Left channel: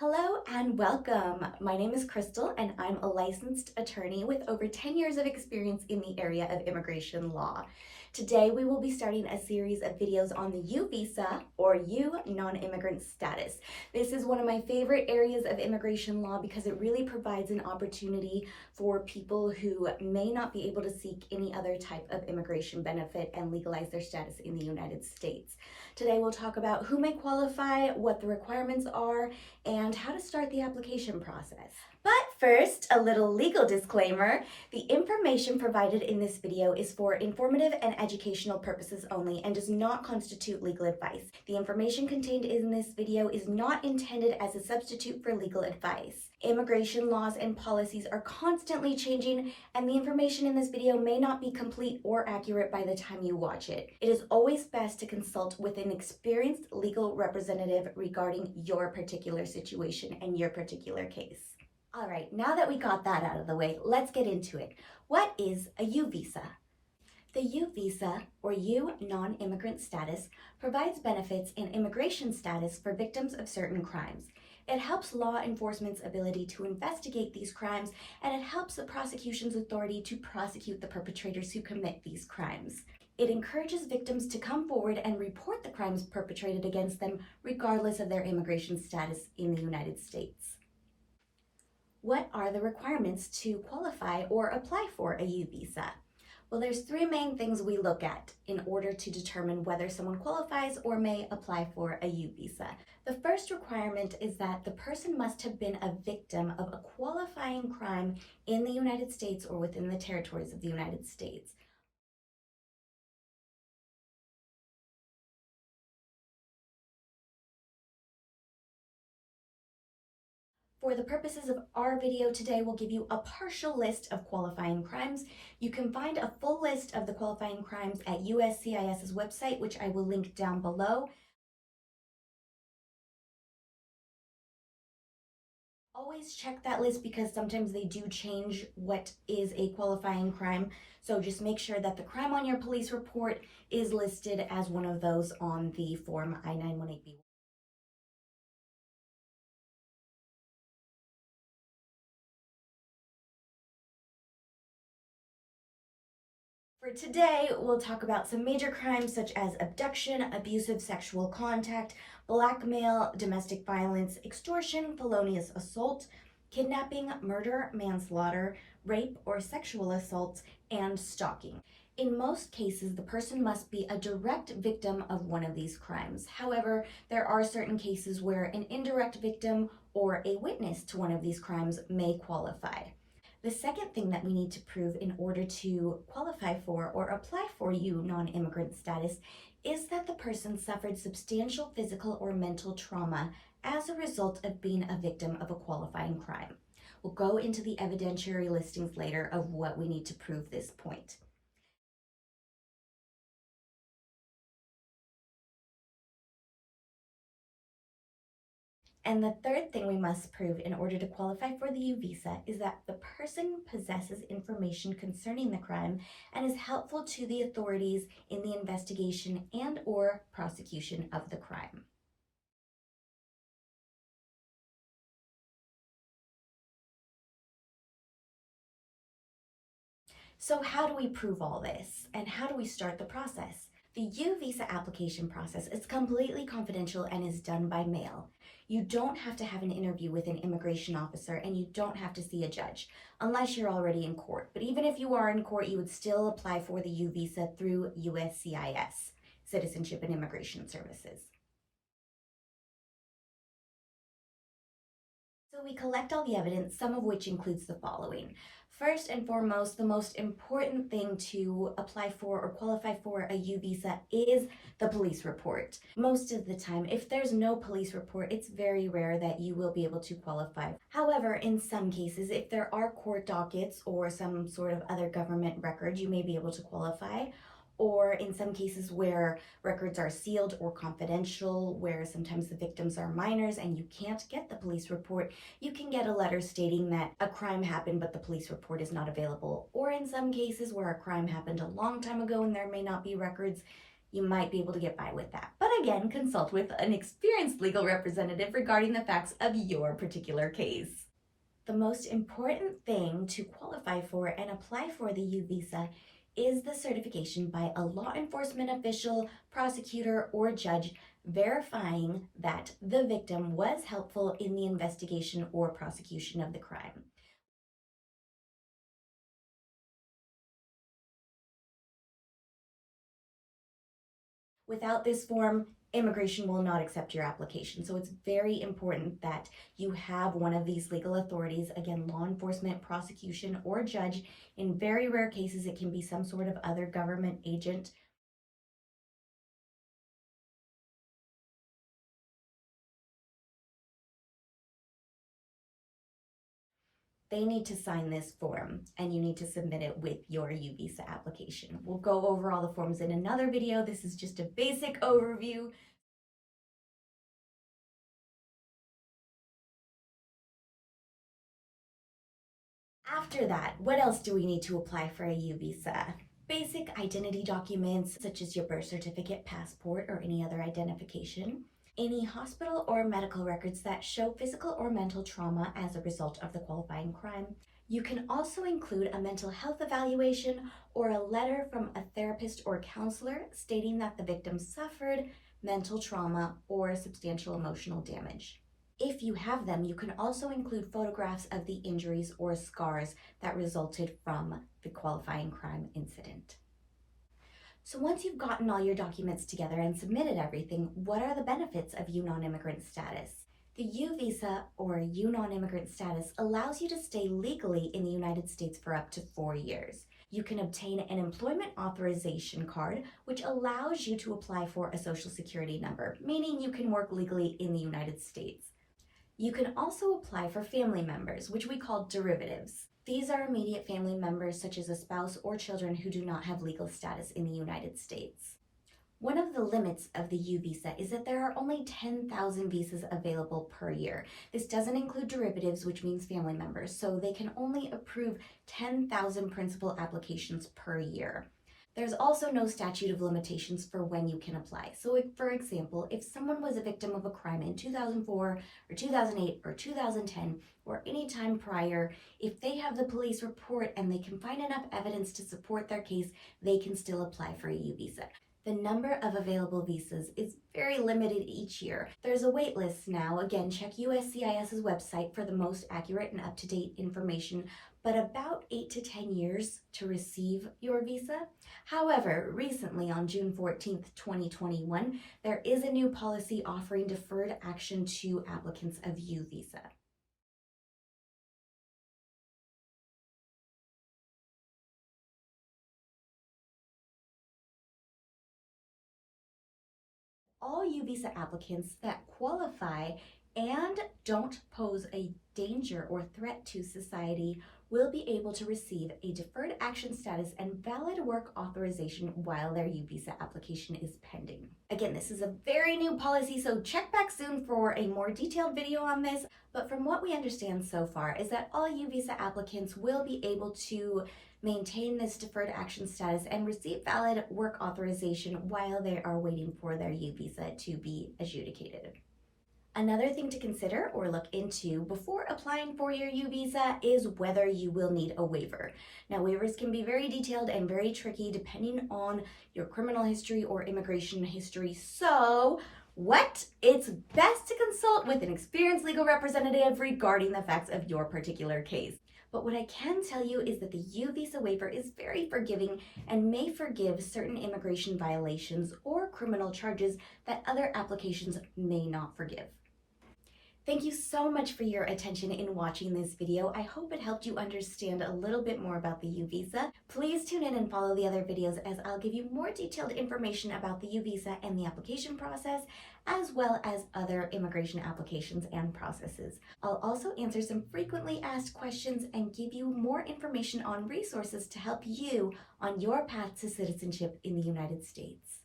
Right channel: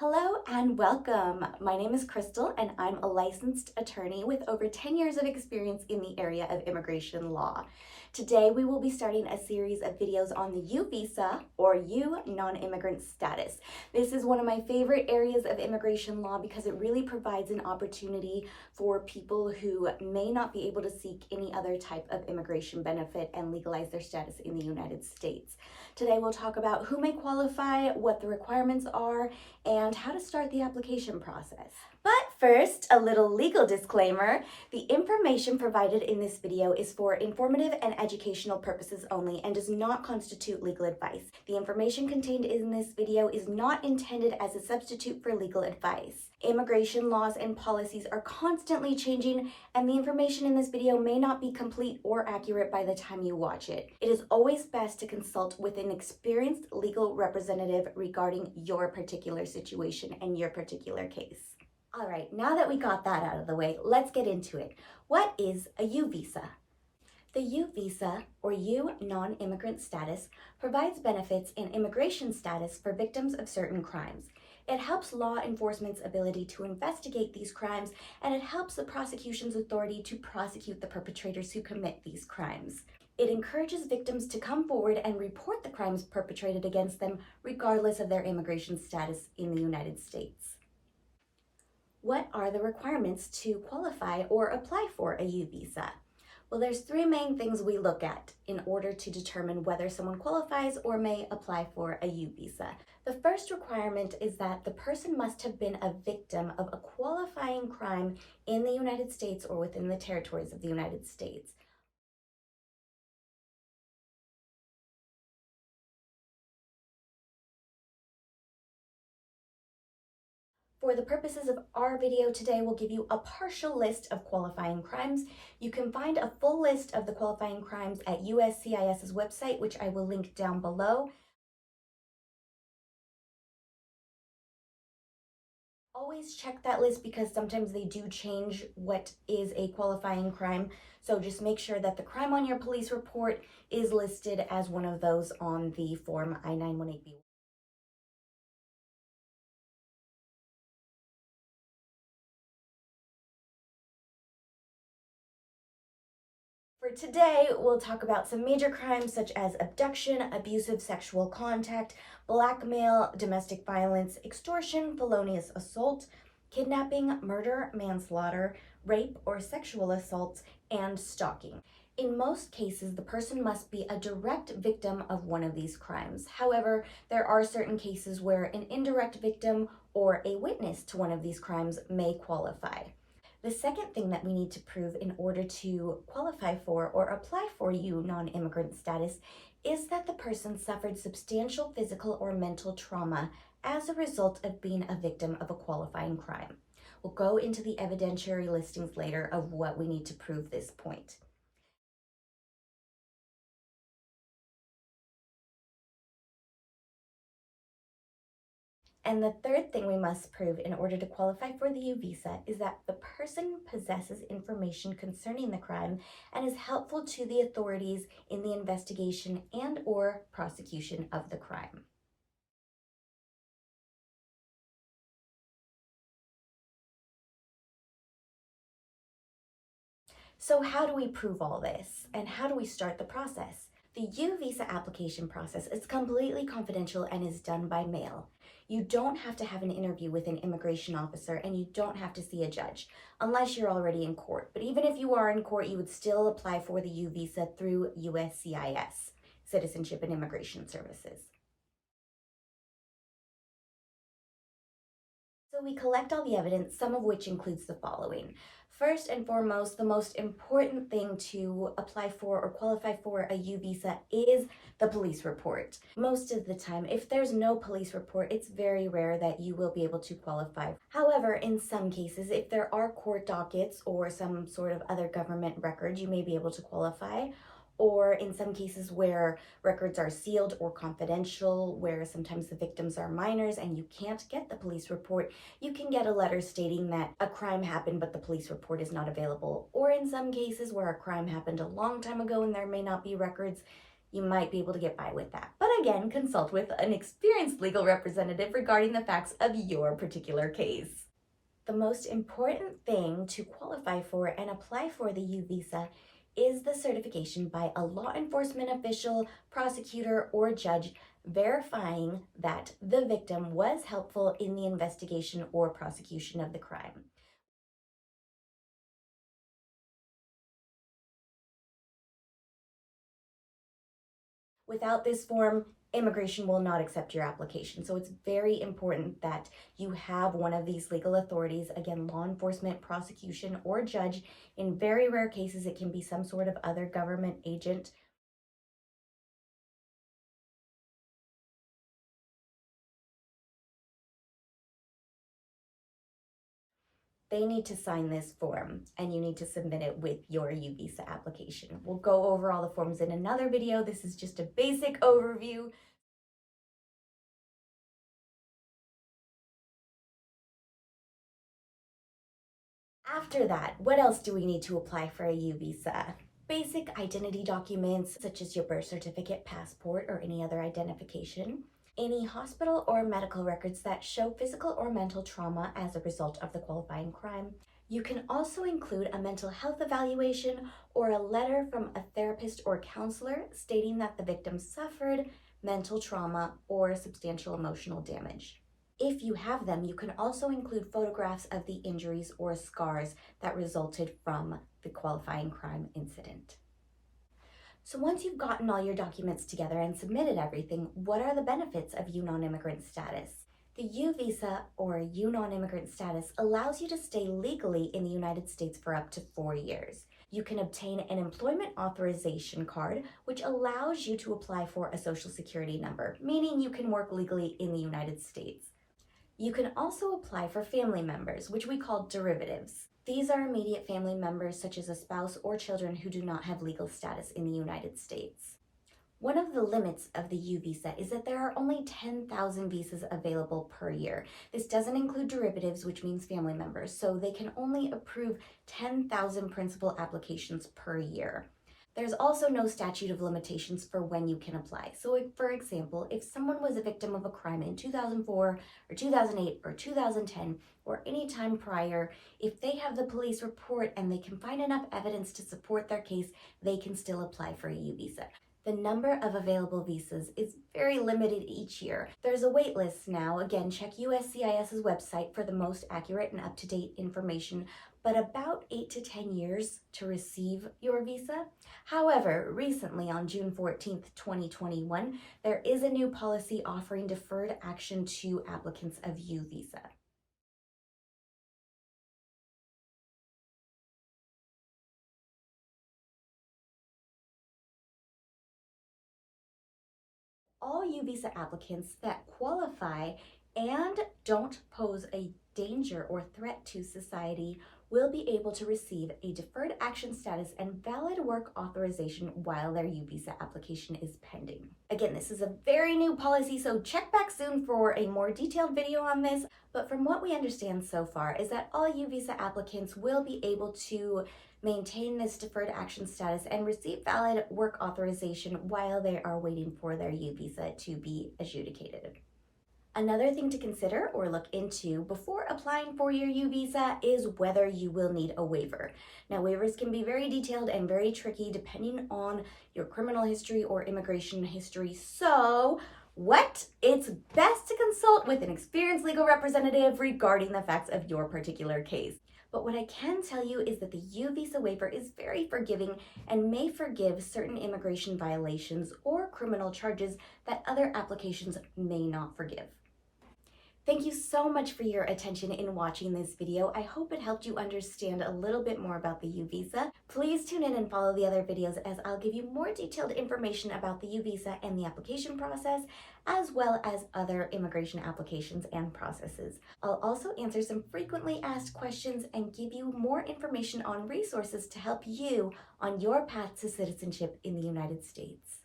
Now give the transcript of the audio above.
Hello and welcome. My name is Crystal and I'm a licensed attorney with over 10 years of experience in the area of immigration law. Today we will be starting a series of videos on the U visa or U non-immigrant status. This is one of my favorite areas of immigration law because it really provides an opportunity for people who may not be able to seek any other type of immigration benefit and legalize their status in the United States. Today we'll talk about who may qualify, what the requirements are, and how to start the application process. But first, a little legal disclaimer. The information provided in this video is for informative and educational purposes only and does not constitute legal advice. The information contained in this video is not intended as a substitute for legal advice. Immigration laws and policies are constantly changing, and the information in this video may not be complete or accurate by the time you watch it. It is always best to consult with an experienced legal representative regarding your particular situation and your particular case. All right, now that we got that out of the way, let's get into it. What is a U visa? The U visa, or U non-immigrant status, provides benefits in immigration status for victims of certain crimes. It helps law enforcement's ability to investigate these crimes, and it helps the prosecution's authority to prosecute the perpetrators who commit these crimes. It encourages victims to come forward and report the crimes perpetrated against them, regardless of their immigration status in the United States. What are the requirements to qualify or apply for a U visa? Well, there's three main things we look at in order to determine whether someone qualifies or may apply for a U visa. The first requirement is that the person must have been a victim of a qualifying crime in the United States or within the territories of the United States. For the purposes of our video today, we'll give you a partial list of qualifying crimes. You can find a full list of the qualifying crimes at USCIS's website, which I will link down below. Always check that list because sometimes they do change what is a qualifying crime. So just make sure that the crime on your police report is listed as one of those on the form I-918B. For today, we'll talk about some major crimes such as abduction, abusive sexual contact, blackmail, domestic violence, extortion, felonious assault, kidnapping, murder, manslaughter, rape or sexual assault, and stalking. In most cases, the person must be a direct victim of one of these crimes. However, there are certain cases where an indirect victim or a witness to one of these crimes may qualify. The second thing that we need to prove in order to qualify for or apply for U non-immigrant status is that the person suffered substantial physical or mental trauma as a result of being a victim of a qualifying crime. We'll go into the evidentiary listings later of what we need to prove this point. And the third thing we must prove in order to qualify for the U visa is that the person possesses information concerning the crime and is helpful to the authorities in the investigation and or prosecution of the crime. So how do we prove all this? And how do we start the process? The U visa application process is completely confidential and is done by mail. You don't have to have an interview with an immigration officer and you don't have to see a judge unless you're already in court. But even if you are in court, you would still apply for the U visa through USCIS, Citizenship and Immigration Services. So we collect all the evidence, some of which includes the following. First and foremost, the most important thing to apply for or qualify for a U visa is the police report. Most of the time, if there's no police report, it's very rare that you will be able to qualify. However, in some cases, if there are court dockets or some sort of other government record, you may be able to qualify. Or in some cases where records are sealed or confidential, where sometimes the victims are minors and you can't get the police report, you can get a letter stating that a crime happened but the police report is not available. Or in some cases where a crime happened a long time ago and there may not be records, you might be able to get by with that. But again, consult with an experienced legal representative regarding the facts of your particular case. The most important thing to qualify for and apply for the U visa is the certification by a law enforcement official, prosecutor, or judge verifying that the victim was helpful in the investigation or prosecution of the crime. Without this form, immigration will not accept your application. So it's very important that you have one of these legal authorities, again, law enforcement, prosecution, or judge. In very rare cases, it can be some sort of other government agent. They need to sign this form and you need to submit it with your U visa application. We'll go over all the forms in another video. This is just a basic overview. After that, what else do we need to apply for a U visa? Basic identity documents such as your birth certificate, passport, or any other identification. Any hospital or medical records that show physical or mental trauma as a result of the qualifying crime. You can also include a mental health evaluation or a letter from a therapist or counselor stating that the victim suffered mental trauma or substantial emotional damage. If you have them, you can also include photographs of the injuries or scars that resulted from the qualifying crime incident. So once you've gotten all your documents together and submitted everything, what are the benefits of U Nonimmigrant Status? The U visa or U Nonimmigrant Status allows you to stay legally in the United States for up to 4 years. You can obtain an employment authorization card, which allows you to apply for a social security number, meaning you can work legally in the United States. You can also apply for family members, which we call derivatives. These are immediate family members such as a spouse or children who do not have legal status in the United States. One of the limits of the U visa is that there are only 10,000 visas available per year. This doesn't include derivatives, which means family members, so they can only approve 10,000 principal applications per year. There's also no statute of limitations for when you can apply. So for example, if someone was a victim of a crime in 2004 or 2008 or 2010 or any time prior, if they have the police report and they can find enough evidence to support their case, they can still apply for a U visa. The number of available visas is very limited each year. There's a wait list now. Again, check USCIS's website for the most accurate and up-to-date information, but about 8 to 10 years to receive your visa. However, recently on June 14th, 2021, there is a new policy offering deferred action to applicants of U visa. All U visa applicants that qualify and don't pose a danger or threat to society will be able to receive a deferred action status and valid work authorization while their U visa application is pending. Again, this is a very new policy, so check back soon for a more detailed video on this. But from what we understand so far is that all U visa applicants will be able to maintain this deferred action status and receive valid work authorization while they are waiting for their U visa to be adjudicated. Another thing to consider or look into before applying for your U visa is whether you will need a waiver. Now, waivers can be very detailed and very tricky depending on your criminal history or immigration history. So, it's best to consult with an experienced legal representative regarding the facts of your particular case. But what I can tell you is that the U visa waiver is very forgiving and may forgive certain immigration violations or criminal charges that other applications may not forgive. Thank you so much for your attention in watching this video. I hope it helped you understand a little bit more about the U visa. Please tune in and follow the other videos as I'll give you more detailed information about the U visa and the application process, as well as other immigration applications and processes. I'll also answer some frequently asked questions and give you more information on resources to help you on your path to citizenship in the United States.